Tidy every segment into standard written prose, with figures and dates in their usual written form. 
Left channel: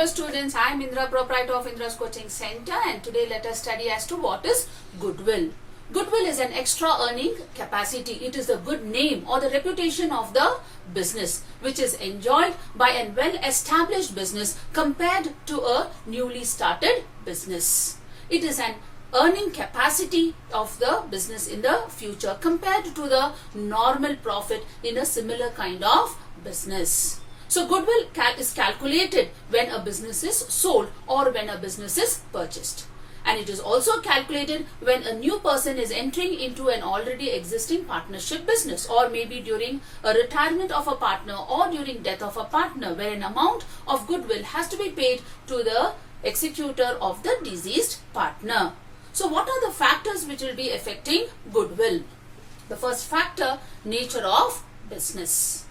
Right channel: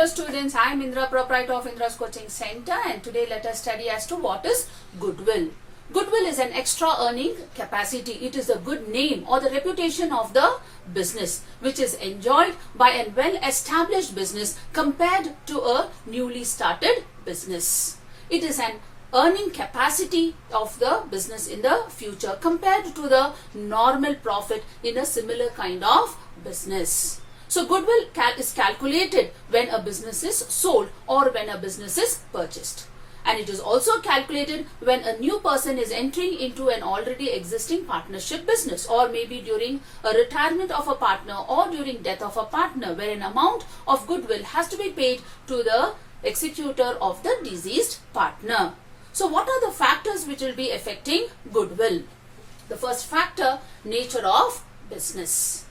Hello students, I am Indra, proprietor of Indra's Coaching Center, and today let us study as to what is goodwill. Goodwill is an extra earning capacity. It is the good name or the reputation of the business which is enjoyed by a well-established business compared to a newly started business. It is an earning capacity of the business in the future compared to the normal profit in a similar kind of business. So goodwill is calculated when a business is sold or when a business is purchased. And it is also calculated when a new person is entering into an already existing partnership business, or maybe during a retirement of a partner or during death of a partner, where an amount of goodwill has to be paid to the executor of the deceased partner. So what are the factors which will be affecting goodwill? The first factor, nature of business.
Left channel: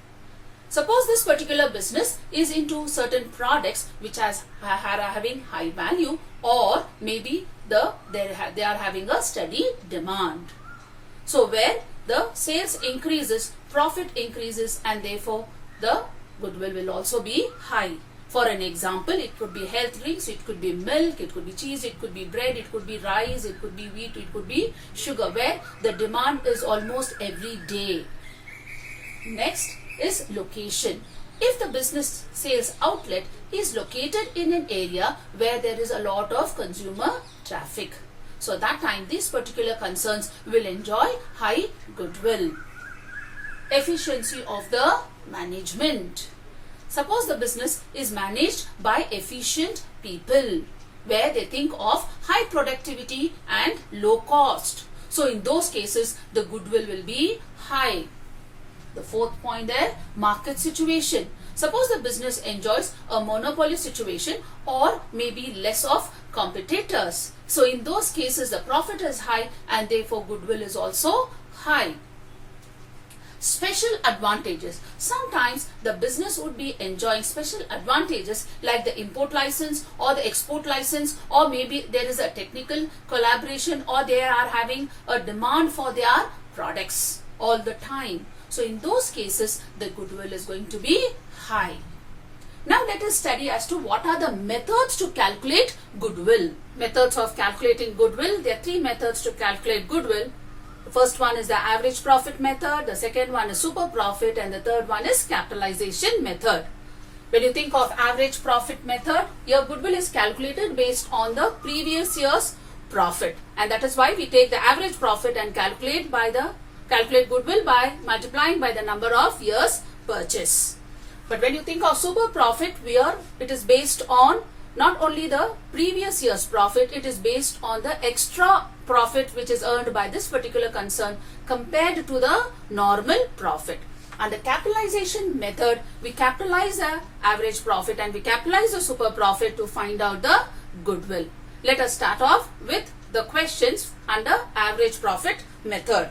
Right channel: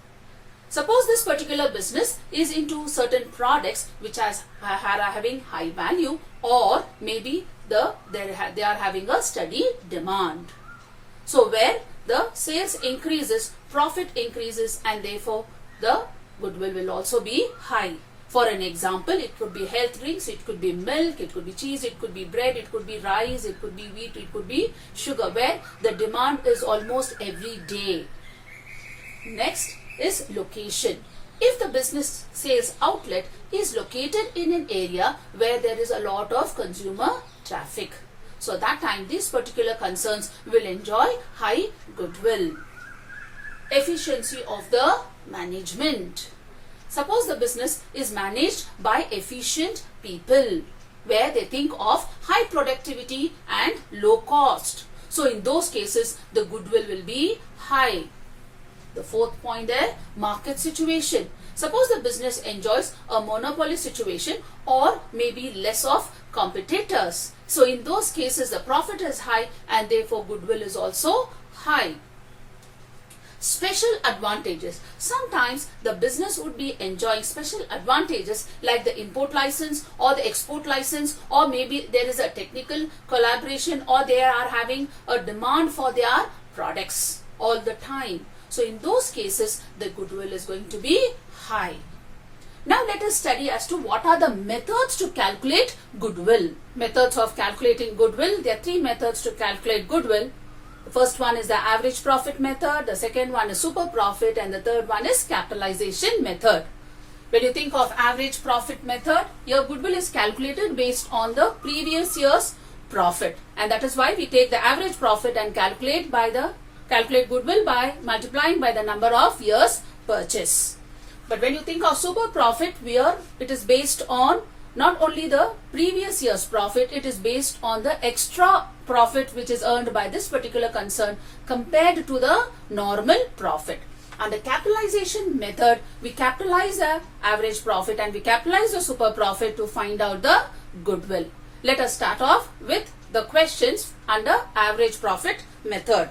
Suppose this particular business is into certain products which are having high value, or maybe they are having a steady demand. So where the sales increases, profit increases, and therefore the goodwill will also be high. For an example, it could be health drinks, it could be milk, it could be cheese, it could be bread, it could be rice, it could be wheat, it could be sugar, where the demand is almost every day. Next is location. If the business sales outlet is located in an area where there is a lot of consumer traffic, so that time these particular concerns will enjoy high goodwill. Efficiency of the management. Suppose the business is managed by efficient people, where they think of high productivity and low cost. So in those cases, the goodwill will be high. The fourth point there, market situation. Suppose the business enjoys a monopoly situation or maybe less of competitors. So in those cases, the profit is high and therefore goodwill is also high. Special advantages. Sometimes the business would be enjoying special advantages like the import license or the export license, or maybe there is a technical collaboration, or they are having a demand for their products all the time. So in those cases, the goodwill is going to be high. Now let us study as to what are the methods to calculate goodwill. Methods of calculating goodwill. There are three methods to calculate goodwill. The first one is the average profit method, the second one is super profit, and the third one is capitalization method. When you think of average profit method, your goodwill is calculated based on the previous year's profit, and that is why we take the average profit and calculate goodwill by multiplying by the number of years purchase. But when you think of super profit, it is based on not only the previous year's profit, it is based on the extra profit which is earned by this particular concern compared to the normal profit. And the capitalization method, we capitalize the average profit and we capitalize the super profit to find out the goodwill. Let us start off with the questions under average profit method.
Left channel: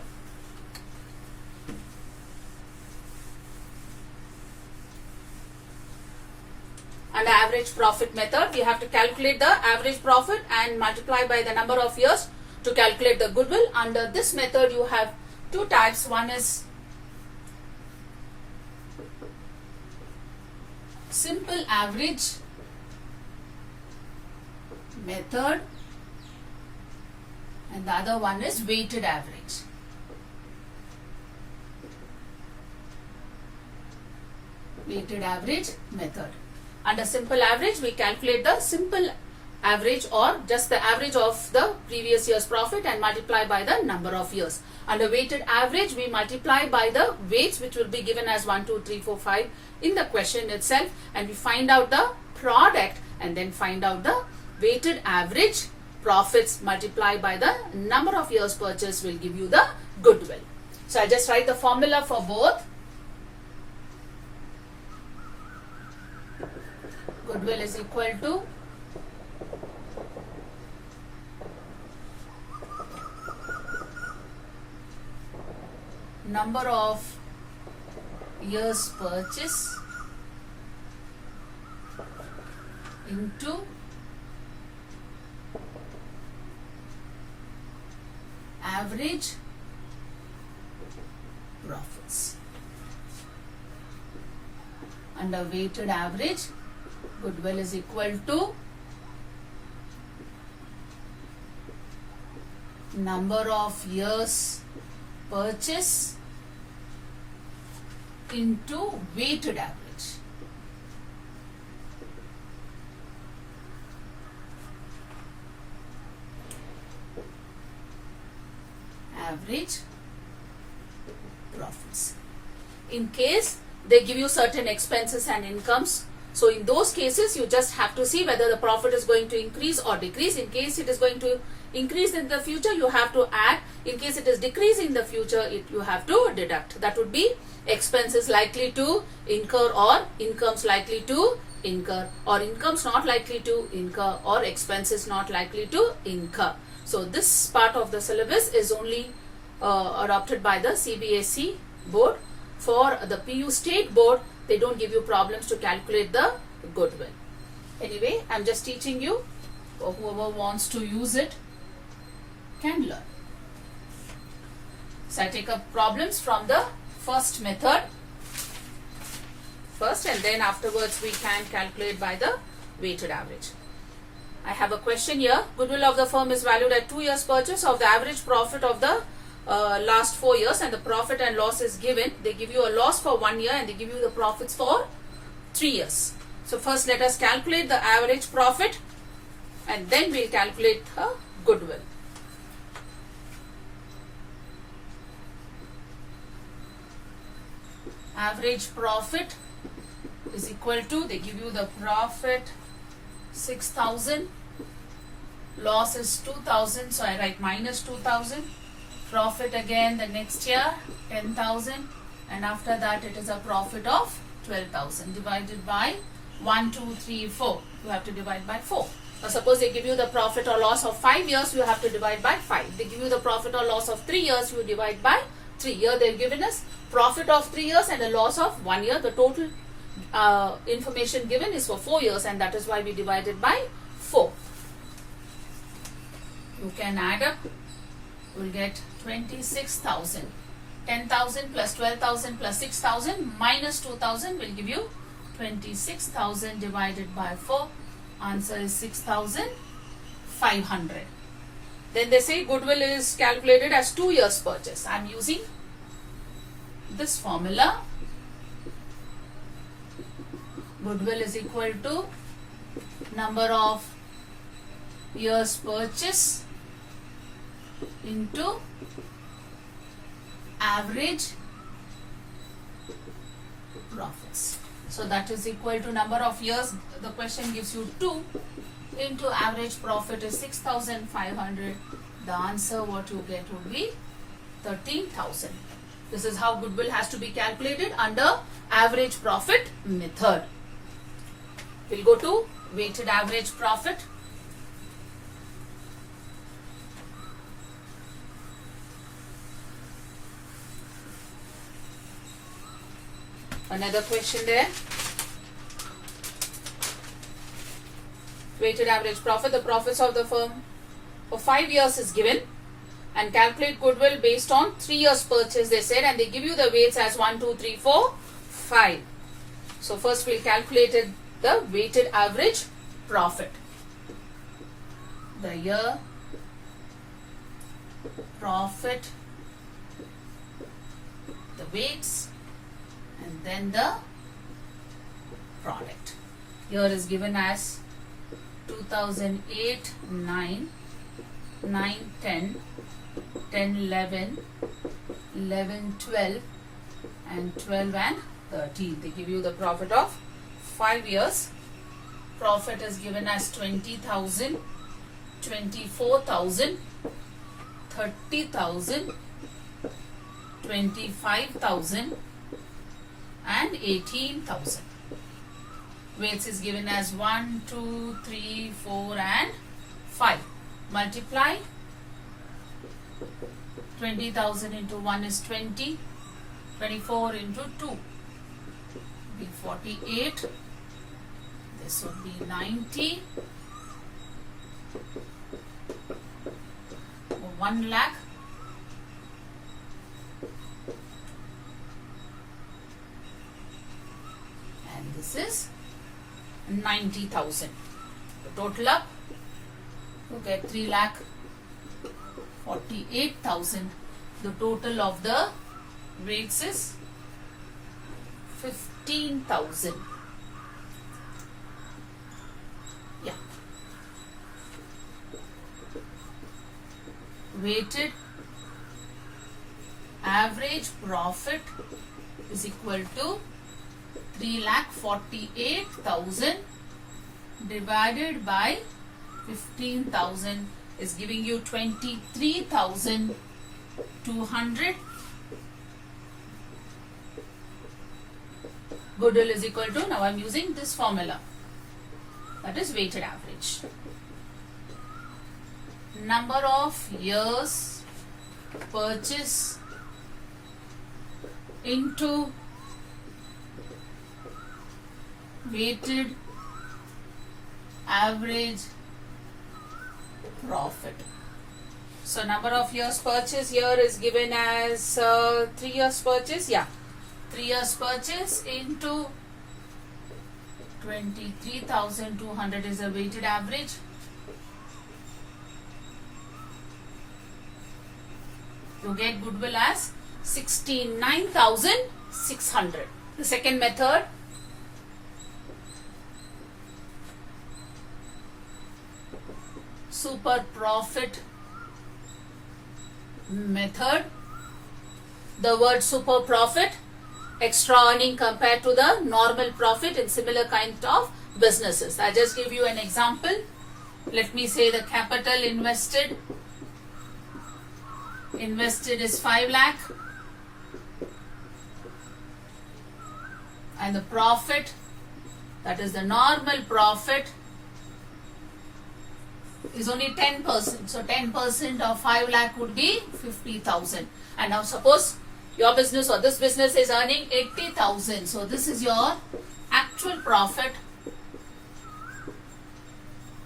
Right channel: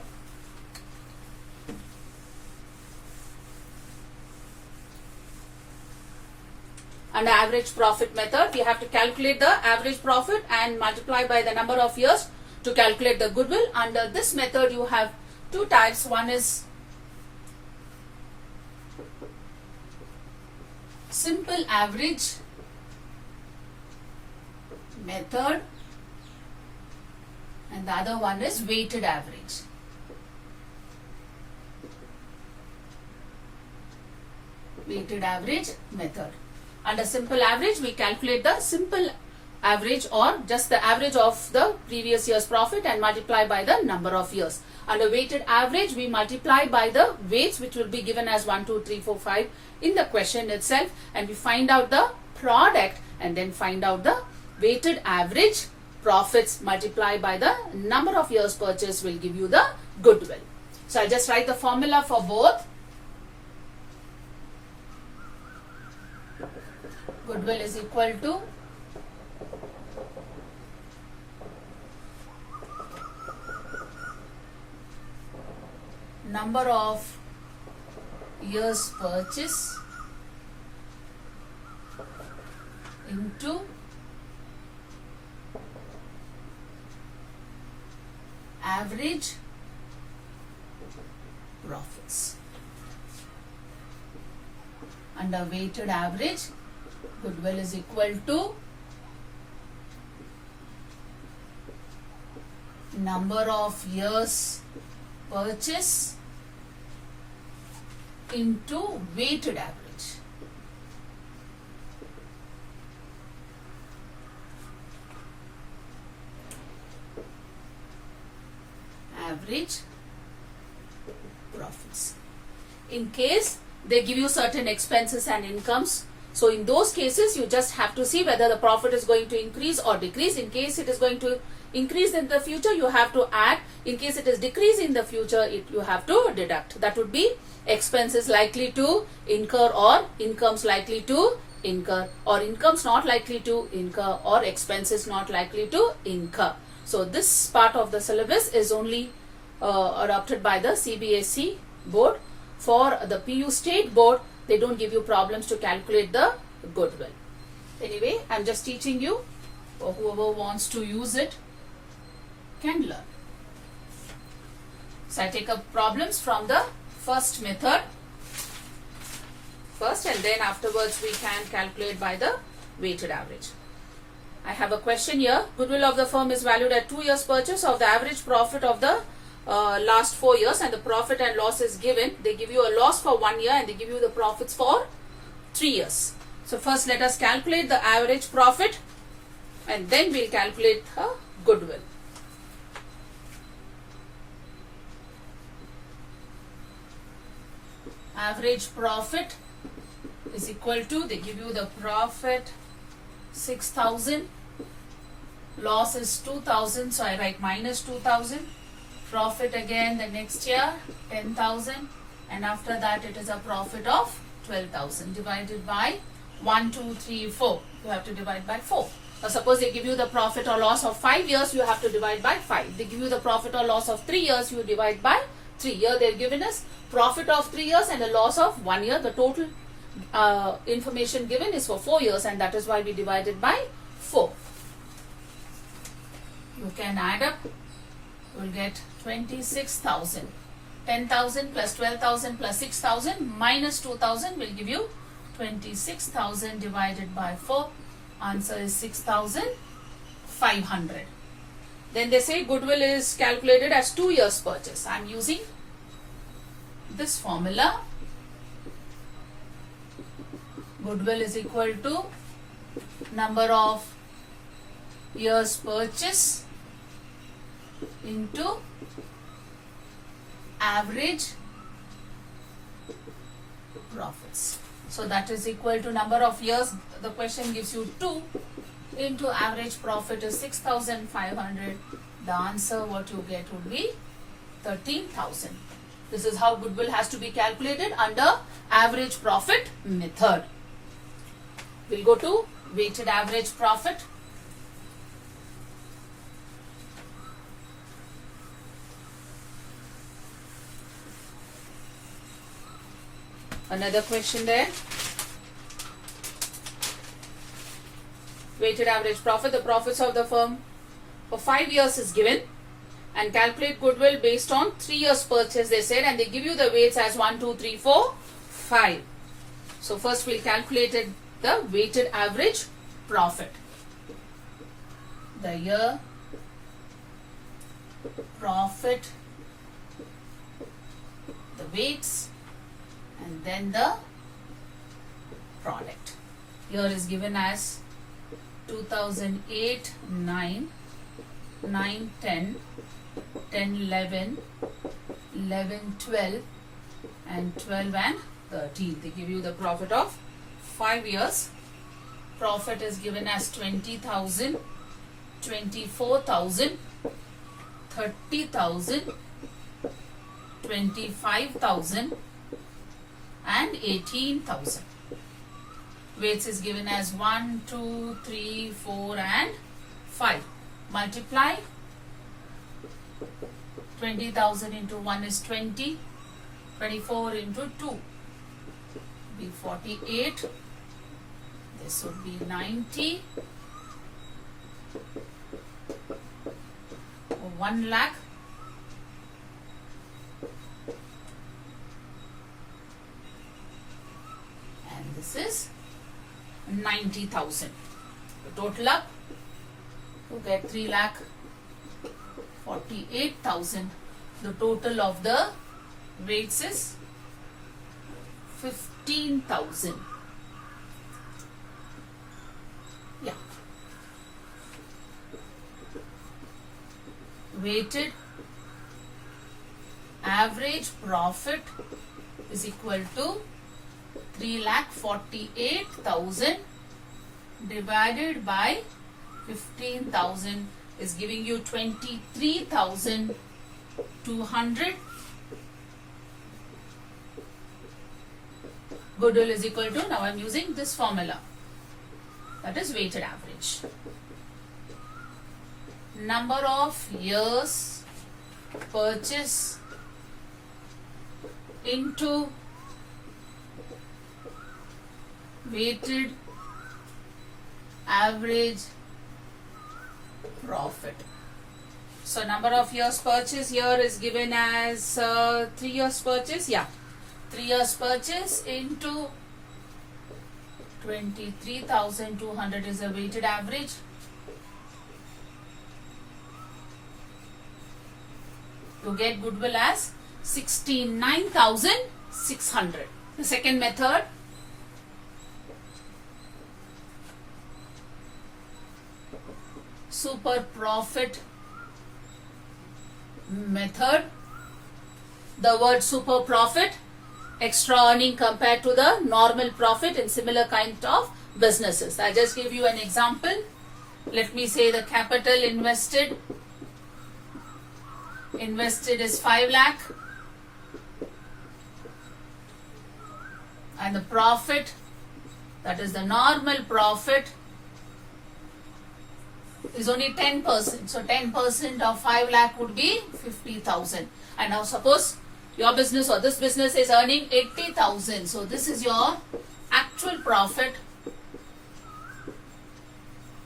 Under average profit method, we have to calculate the average profit and multiply by the number of years to calculate the goodwill. Under this method, you have two types. One is simple average method and the other one is weighted average. Weighted average method. Under simple average, we calculate the simple average or just the average of the previous year's profit and multiply by the number of years. Under weighted average, we multiply by the weights which will be given as 1, 2, 3, 4, 5 in the question itself, and we find out the product and then find out the weighted average profits multiplied by the number of years purchase will give you the goodwill. So I'll just write the formula for both. Goodwill is equal to number of years purchase into average profits. Under weighted average, Goodwill is equal to number of years purchase into weighted average. Average profits. In case they give you certain expenses and incomes, so in those cases you just have to see whether the profit is going to increase or decrease. In case it is going to increase in the future, you have to add. In case it is decrease in the future, you have to deduct. That would be expenses likely to incur or incomes likely to incur, or incomes not likely to incur, or expenses not likely to incur. So this part of the syllabus is only adopted by the CBSE board. For the PU state board, they don't give you problems to calculate the goodwill. Anyway, I'm just teaching you. Whoever wants to use it can learn. So I take up problems from the first method first, and then afterwards we can calculate by the weighted average. I have a question here. Goodwill of the firm is valued at 2 years purchase of the average profit of the last 4 years, and the profit and loss is given. They give you a loss for 1 year and they give you the profits for 3 years. So first let us calculate the average profit and then we'll calculate goodwill. Average profit is equal to, they give you the profit 6,000, loss is 2,000, so I write minus 2,000. Profit again the next year 10,000, and after that it is a profit of 12,000 divided by 1, 2, 3, 4. You have to divide by 4. Or suppose they give you the profit or loss of 5 years, you have to divide by 5. They give you the profit or loss of 3 years, you divide by 3. Here they have given us profit of 3 years and a loss of 1 year. The total information given is for 4 years, and that is why we divided by 4. You can add up. You will get 26,000. 10,000 plus 12,000 plus 6,000 minus 2,000 will give you 26,000 divided by 4. Answer is 6,500. Then they say goodwill is calculated as 2 years purchase. I am using this formula. Goodwill is equal to number of years purchase into average profits. So that is equal to number of years. The question gives you 2 into average profit is 6,500. The answer what you get would be 13,000. This is how goodwill has to be calculated under average profit method. We'll go to weighted average profit. Another question there. Weighted average profit. The profits of the firm for 5 years is given, and calculate goodwill based on 3 years purchase, they said, and they give you the weights as 1, 2, 3, 4, 5. So first we'll calculate the weighted average profit. The year profit, the weights, and then the product. Here is given as 2008, 9, 9, 10, 10, 11, 11, 12, and 12 and 13. They give you the profit of 5 years. Profit is given as 20,000, 24,000, 30,000, 25,000, and 18,000. Weights is given as 1, 2, 3, 4, and 5. Multiply 20,000 into 1 is 20. 24 into 2 be 48. This would be 90. 1 lakh. And this is 90,000. Total up to get 3,48,000. The total of the weights is 15,000. Yeah. Weighted average profit is equal to 3,48,000 divided by 15,000 is giving you 23,200. Goodwill is equal to, now I am using this formula, that is weighted average. Number of years purchase into weighted average profit. So number of years purchase here is given as 3 years purchase. Yeah, 3 years purchase into 23,200 is a weighted average. You get goodwill as 69,600. The second method, super profit method. The word super profit, extra earning compared to the normal profit in similar kind of businesses. I just give you an example. Let me say the capital invested is 5 lakh and the profit, that is the normal profit, is only 10%. So 10% of 5 lakh would be 50,000. And now suppose your business or this business is earning 80,000. So this is your actual profit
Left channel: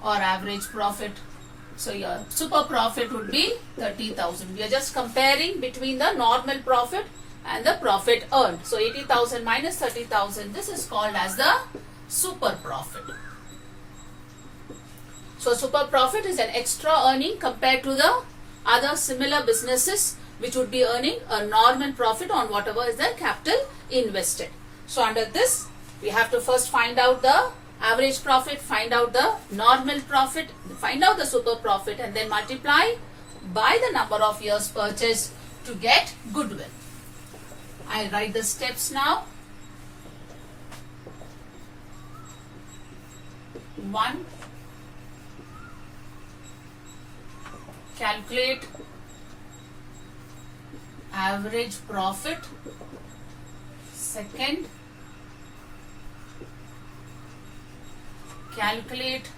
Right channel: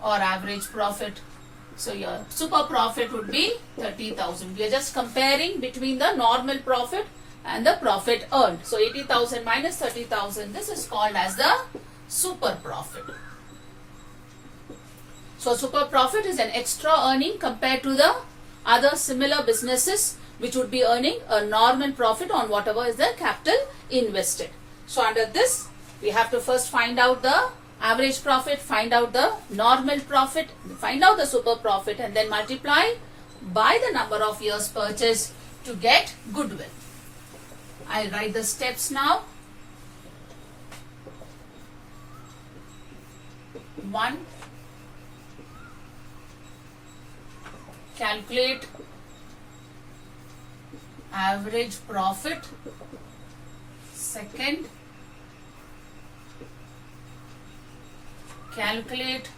or average profit. So your super profit would be 30,000. We are just comparing between the normal profit and the profit earned. So 80,000 minus 30,000. This is called as the super profit. So super profit is an extra earning compared to the other similar businesses which would be earning a normal profit on whatever is the capital invested. So under this, we have to first find out the average profit, find out the normal profit, find out the super profit, and then multiply by the number of years purchased to get goodwill. I'll write the steps now. 1. Calculate average profit. 2nd, calculate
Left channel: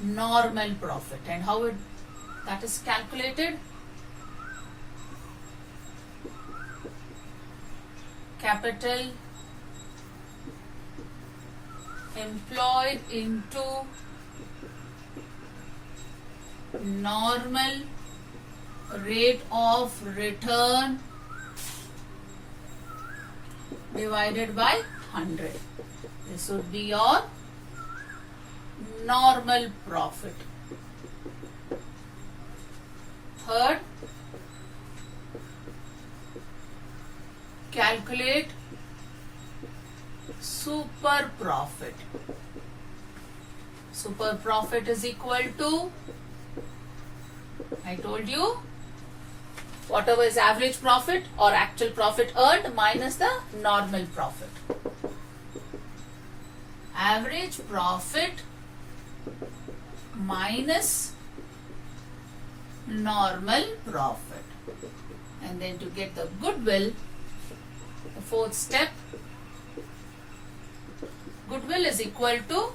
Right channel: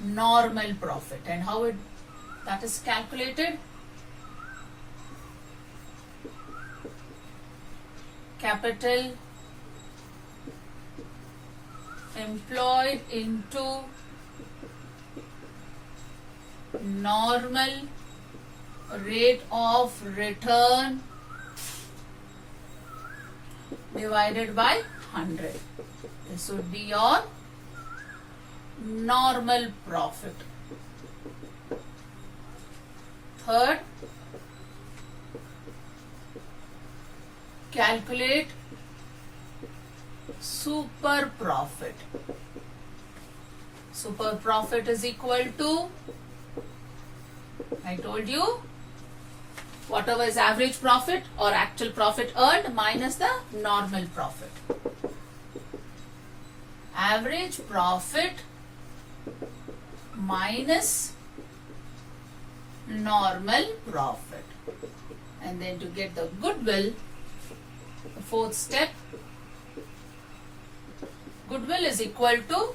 normal profit. And how that is calculated? Capital employed into normal rate of return divided by 100. This would be your normal profit. 3rd, calculate super profit. Super profit is equal to, I told you, whatever is average profit or actual profit earned minus the normal profit. Average profit minus normal profit. And then to get the goodwill, the 4th step, goodwill is equal to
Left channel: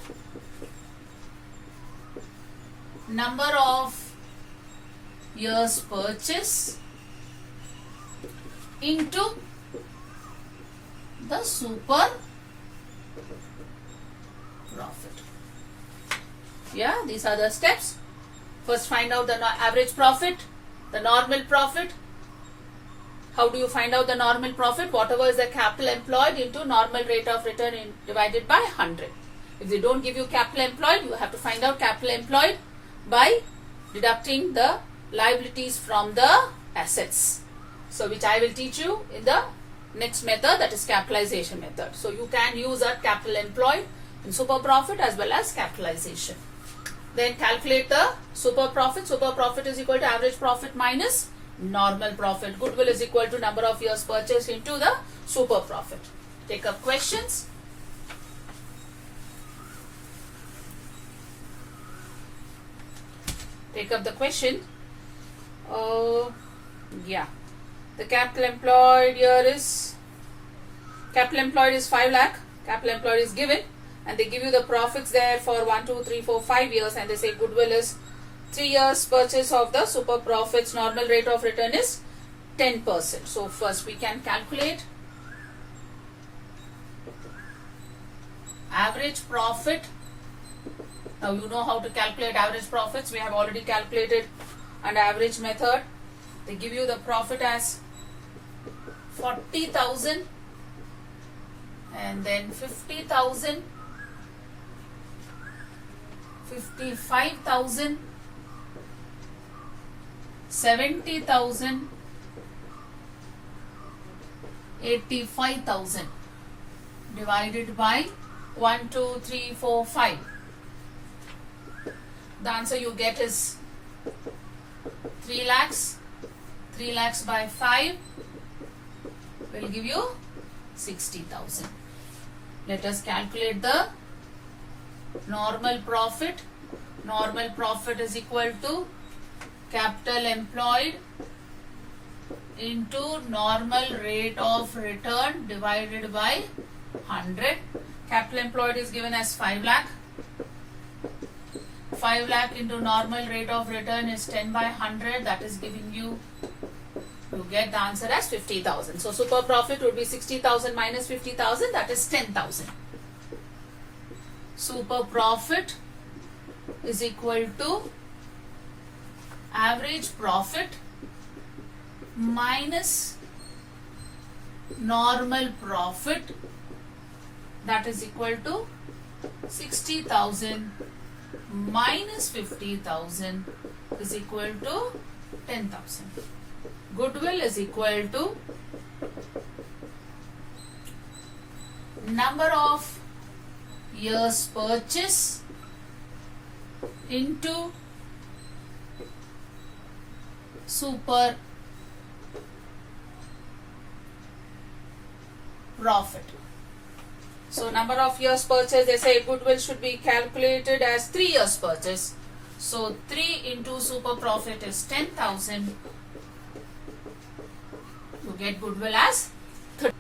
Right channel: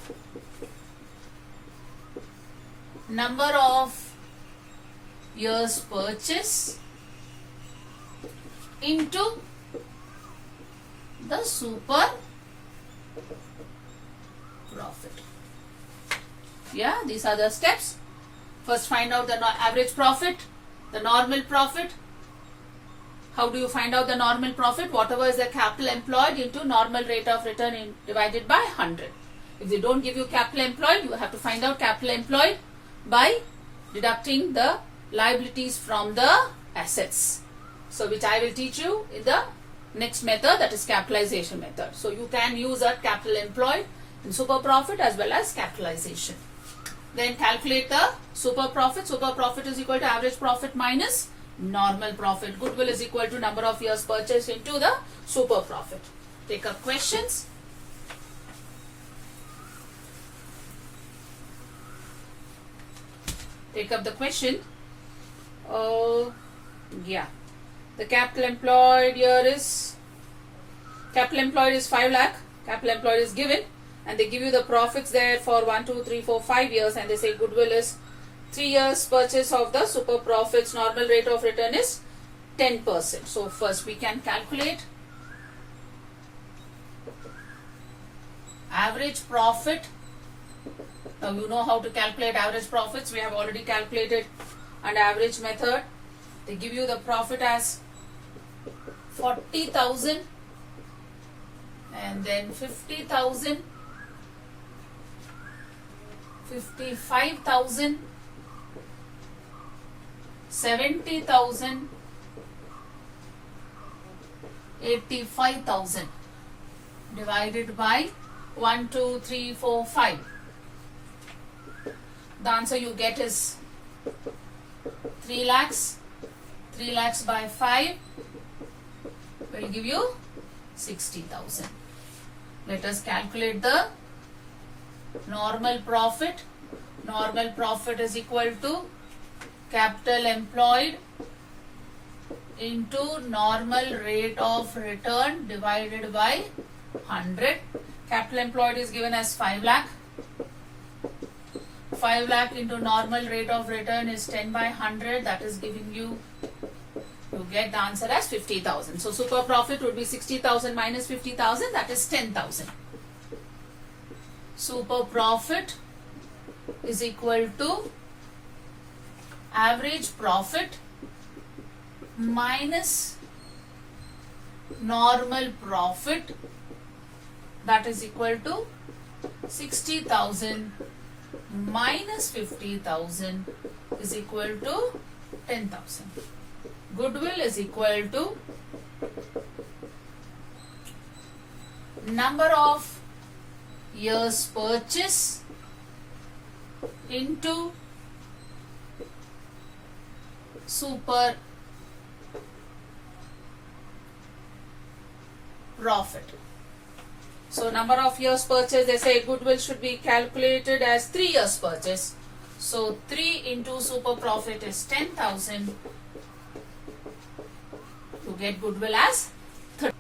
number of years purchase into the super profit. Yeah, these are the steps. First find out the average profit, the normal profit, How do you find out the normal profit? Whatever is the capital employed into normal rate of return divided by 100. If they don't give you capital employed, you have to find out capital employed by deducting the liabilities from the assets. So which I will teach you in the next method, that is capitalization method. So you can use that capital employed in super profit as well as capitalization. Then calculate the super profit. Super profit is equal to average profit minus normal profit. Goodwill is equal to number of years purchased into the super profit. Take up questions. Take up the question. Yeah. The capital employed here is, capital employed is 5 lakh. Capital employed is given. And they give you the profits there for 1, 2, 3, 4, 5 years. And they say goodwill is 3 years purchase of the super profits. Normal rate of return is 10%. So first we can calculate average profit. Now you know how to calculate average profits. We have already calculated under average method. They give you the profit as 40,000 and then 50,000, 55,000, 70,000, 85,000 divided by 1, 2, 3, 4, 5. The answer you get is 3 lakhs. 3 lakhs by 5 will give you 60,000. Let us calculate the normal profit. Normal profit is equal to capital employed into normal rate of return divided by 100. Capital employed is given as 5 lakh. 5 lakh into normal rate of return is 10 by 100. That is giving you, you get the answer as 50,000. So super profit would be 60,000 minus 50,000, that is 10,000. Super profit is equal to average profit minus normal profit, that is equal to 60,000 minus 50,000 is equal to 10,000. Goodwill is equal to number of years purchase into super profit. So number of years purchase, they say goodwill should be calculated as 3 years purchase. So 3 into super profit is 10,000. You get goodwill as 30.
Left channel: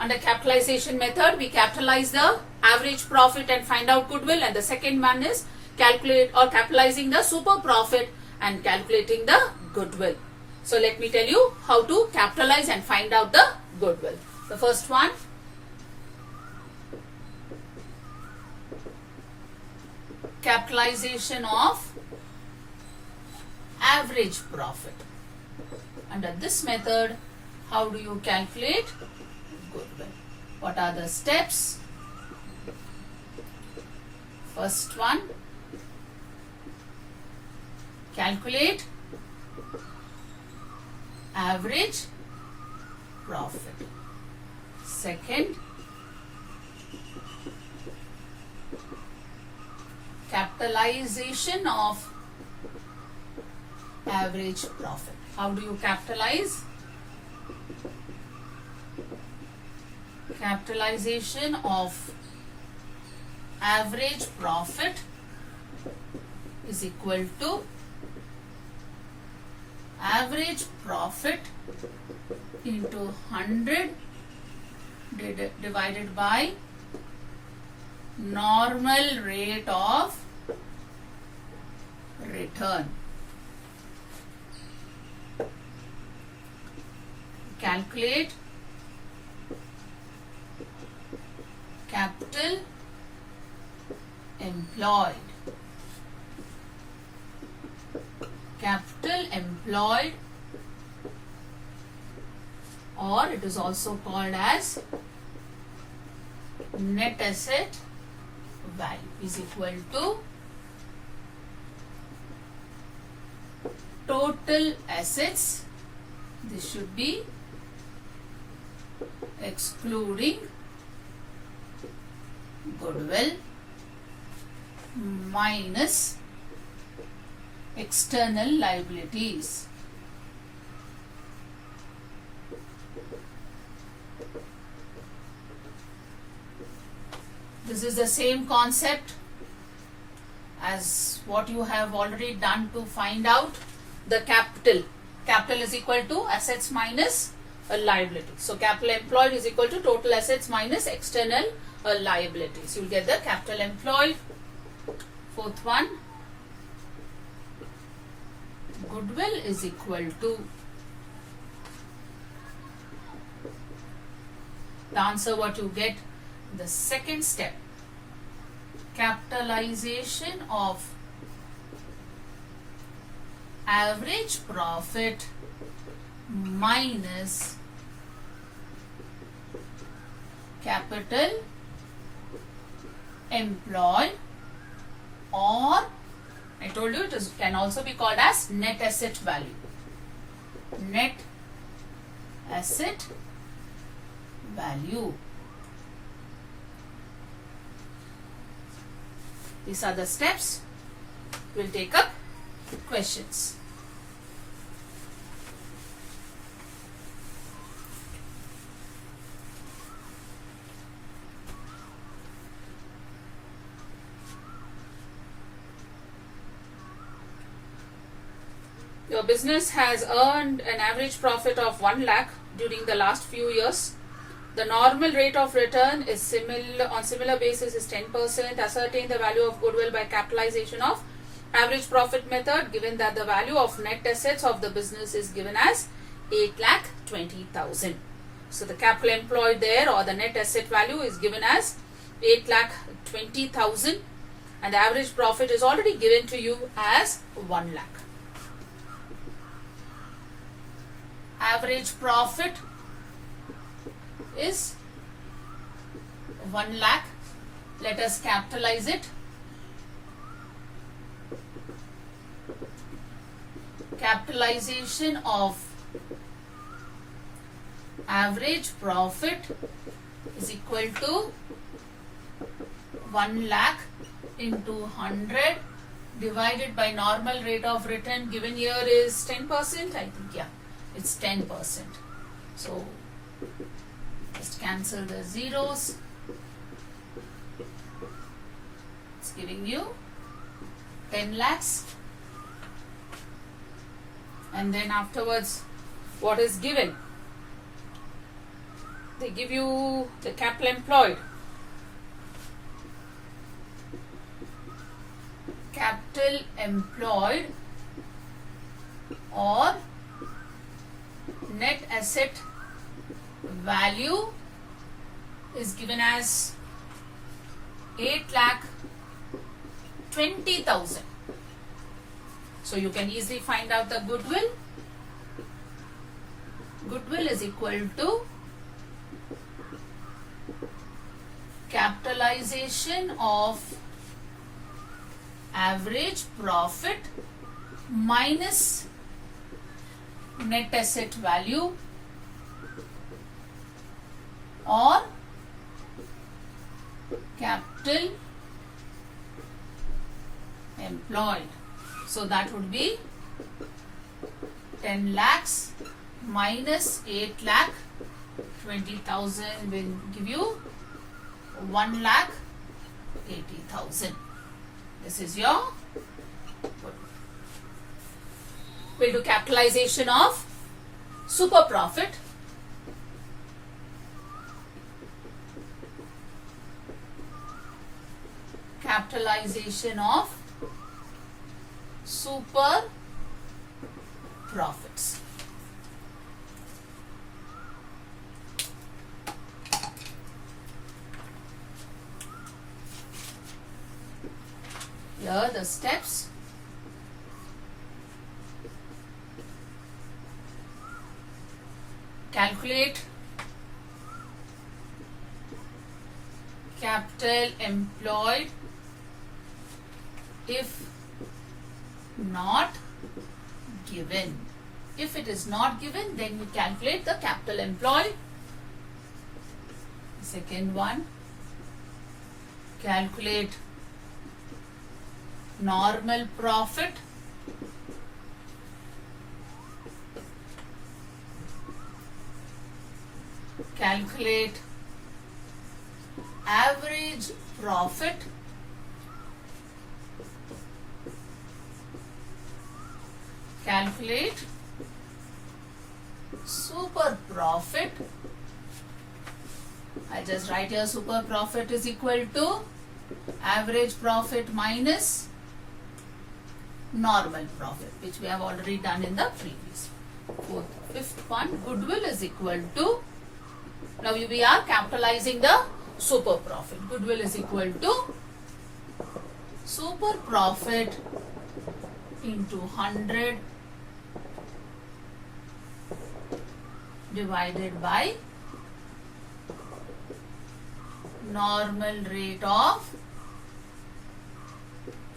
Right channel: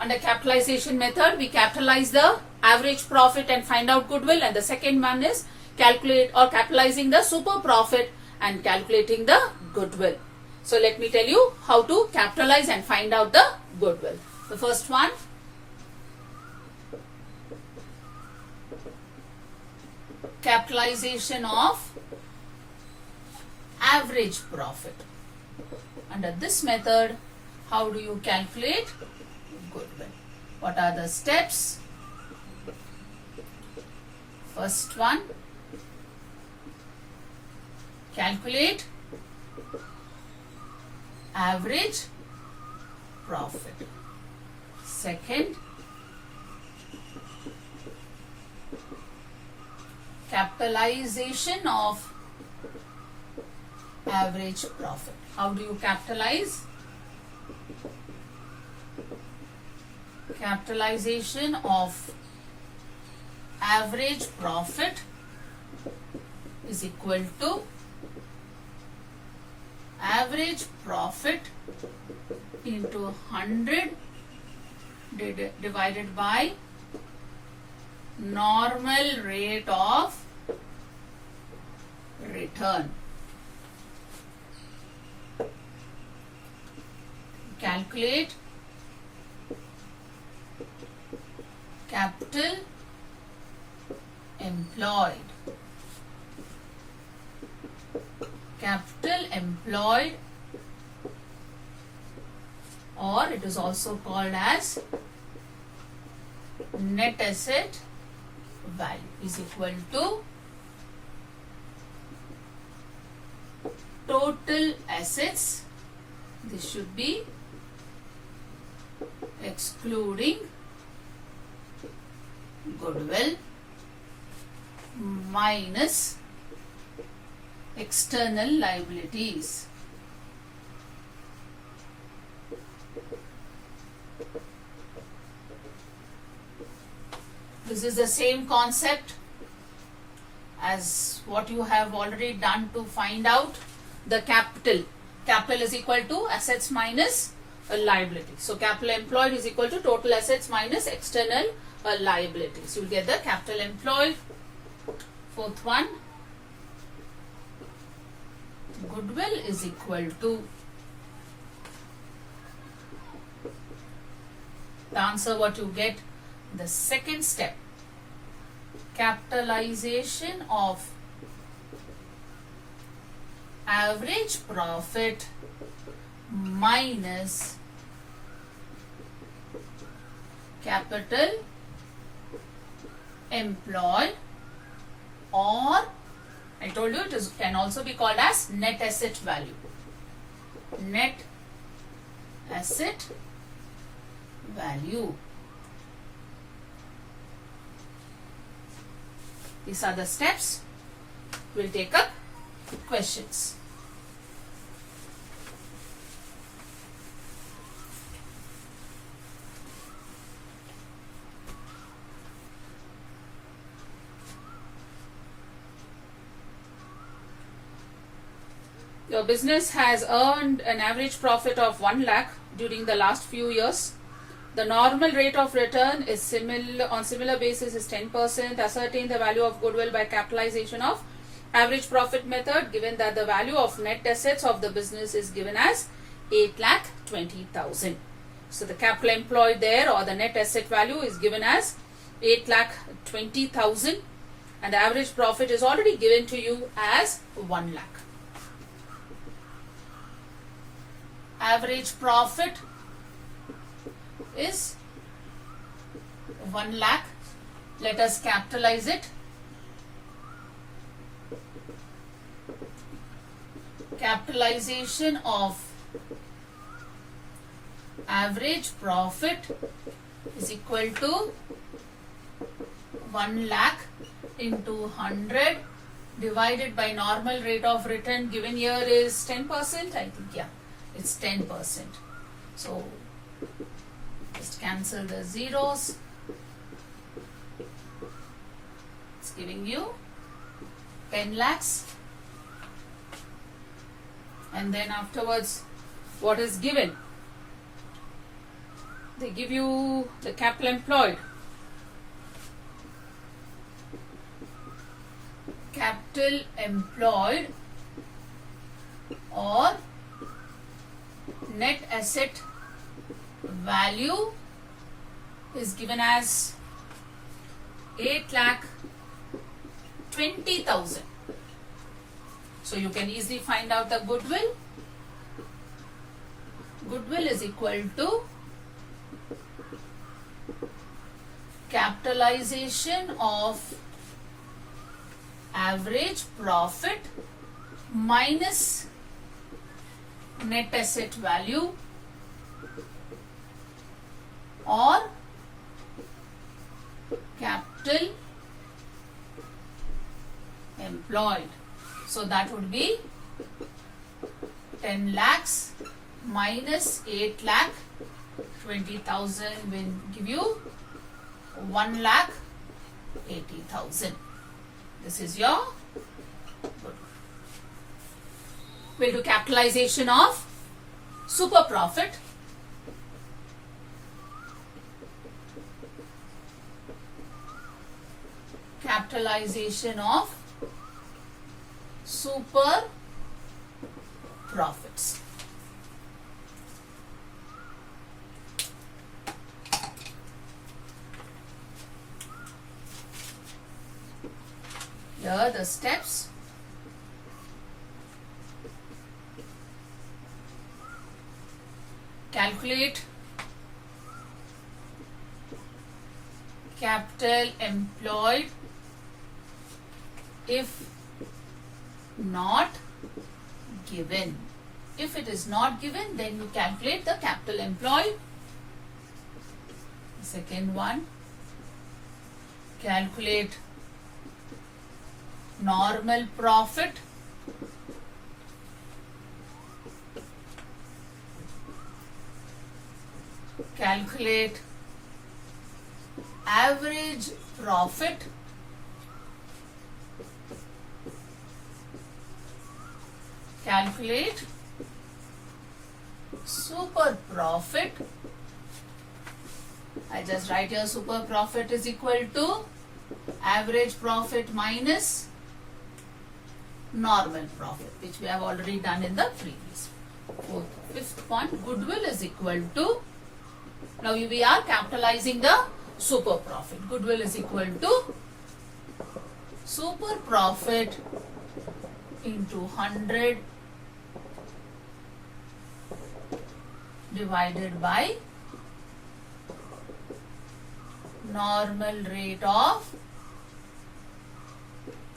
Under capitalization method, we capitalize the average profit and find out goodwill, and the second one is calculate or capitalizing the super profit and calculating the goodwill. So let me tell you how to capitalize and find out the goodwill. The first one, capitalization of average profit. Under this method, how do you calculate goodwill? What are the steps? First one, calculate average profit. Second, capitalization of average profit. How do you capitalize? Capitalization of average profit is equal to average profit into 100 divided by normal rate of return. Calculate capital employed. Capital employed or it is also called as net asset value is equal to total assets. This should be excluding goodwill minus external liabilities. This is the same concept as what you have already done to find out the capital. Capital is equal to assets minus a liability. So capital employed is equal to total assets minus external liabilities. You'll get the capital employed. Fourth one, goodwill is equal to, the answer what you get in the second step, capitalization of average profit minus capital employed, or I told you it can also be called as net asset value. Net asset value. These are the steps. We'll take up questions. Your business has earned an average profit of 1 lakh during the last few years. The normal rate of return is similar basis is 10%. Ascertain the value of goodwill by capitalization of average profit method, given that the value of net assets of the business is given as 8,20,000. So the capital employed there, or the net asset value, is given as 8,20,000, and the average profit is already given to you as 1 lakh. Average profit is 1 lakh. Let us capitalize it. Capitalization of average profit is equal to 1 lakh into 100 divided by normal rate of return given here is 10%. I think, yeah, it's 10%. So just cancel the zeros. It's giving you 10 lakhs. And then afterwards, what is given? They give you the capital employed. Capital employed or net asset value is given as 8,20,000. So you can easily find out the goodwill. Goodwill is equal to capitalization of average profit minus net asset value or capital employed. So that would be 10 lakhs minus 8 lakh 20,000 will give you 1 lakh 80,000. This is your goodwill. We'll do capitalization of super profit. Capitalization of super profits. Here are the steps. calculate capital employed if not given. If it is not given, then you calculate the capital employed. Second one, calculate normal profit calculate average profit calculate super profit. I just write here super profit is equal to average profit minus normal profit, which we have already done in the previous. Fifth one, goodwill is equal to, now we are capitalizing the super profit. Goodwill is equal to super profit into 100 divided by normal rate of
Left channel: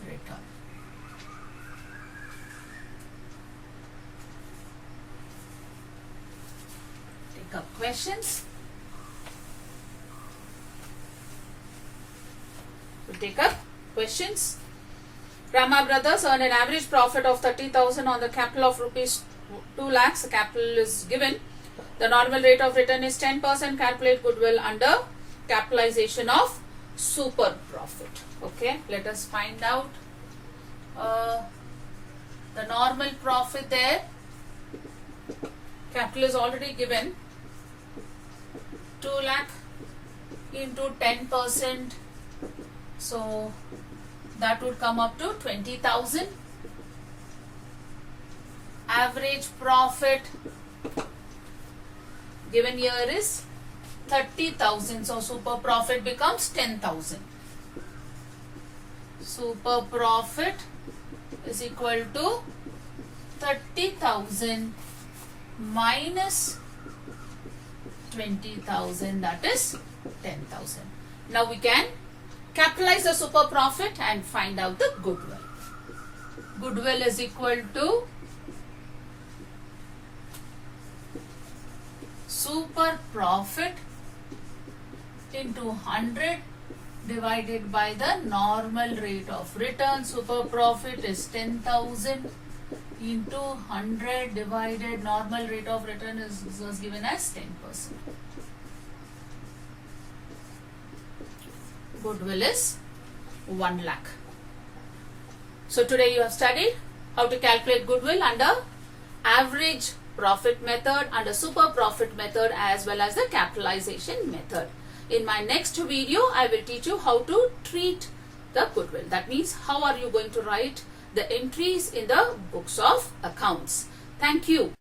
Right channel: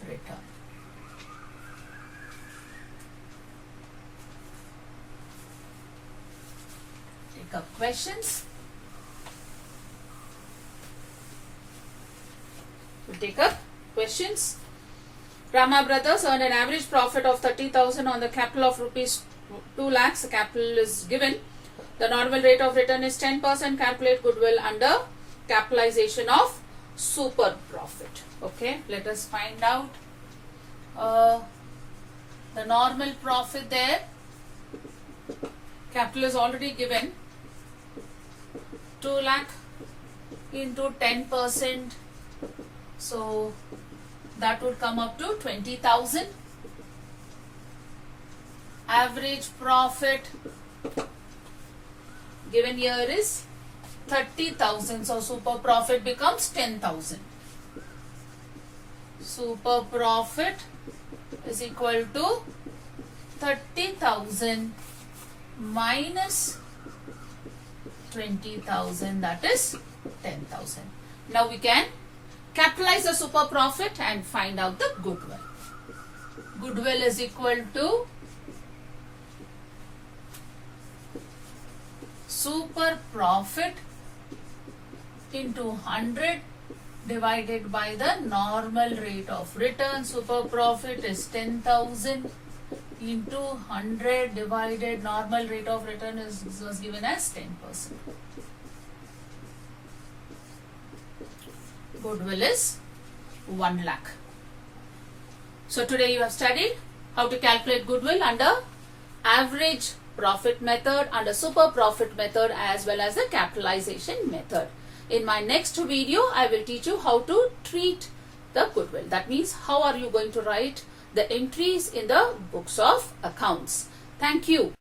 return. Take up questions. We'll take up questions. Rama Brothers earned an average profit of 30,000 on the capital of rupees 2 lakhs. The capital is given. The normal rate of return is 10%. Calculate goodwill under capitalization of super profit. Okay, let us find out the normal profit there. Capital is already given. 2 lakh into 10%. So that would come up to 20,000. Average profit given here is 30,000. So super profit becomes 10,000. Super profit is equal to 30,000 minus 20,000, that is 10,000. Now we can capitalize the super profit and find out the goodwill. Goodwill is equal to super profit into 100 divided by the normal rate of return. Super profit is 10,000 into 100 divided normal rate of return was given as 10%. Goodwill is 1 lakh. So today you have studied how to calculate goodwill under average profit method, under super profit method, as well as the capitalization method. In my next video, I will teach you how to treat the goodwill. That means how are you going to write the entries in the books of accounts. Thank you.